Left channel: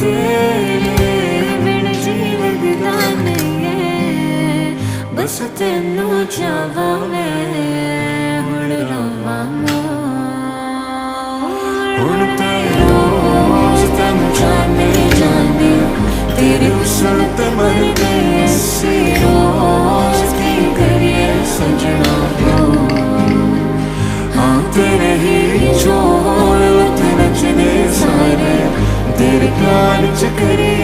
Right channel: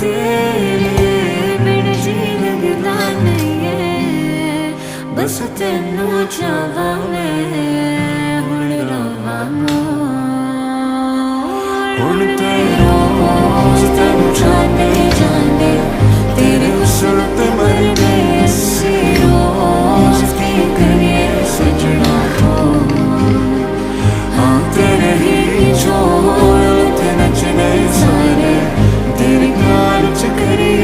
तेरे बिन जी लगदा नहीं है बस तेनू चाहवां मैं हुण रवां हुण ते रोज तेनू जाने जाने तेरे हुस्न ते मर गए असी रोज की करिए सजना बोल हाँ तेरे ही जोड़ ते नचने सारे तेरे प्यार च करिए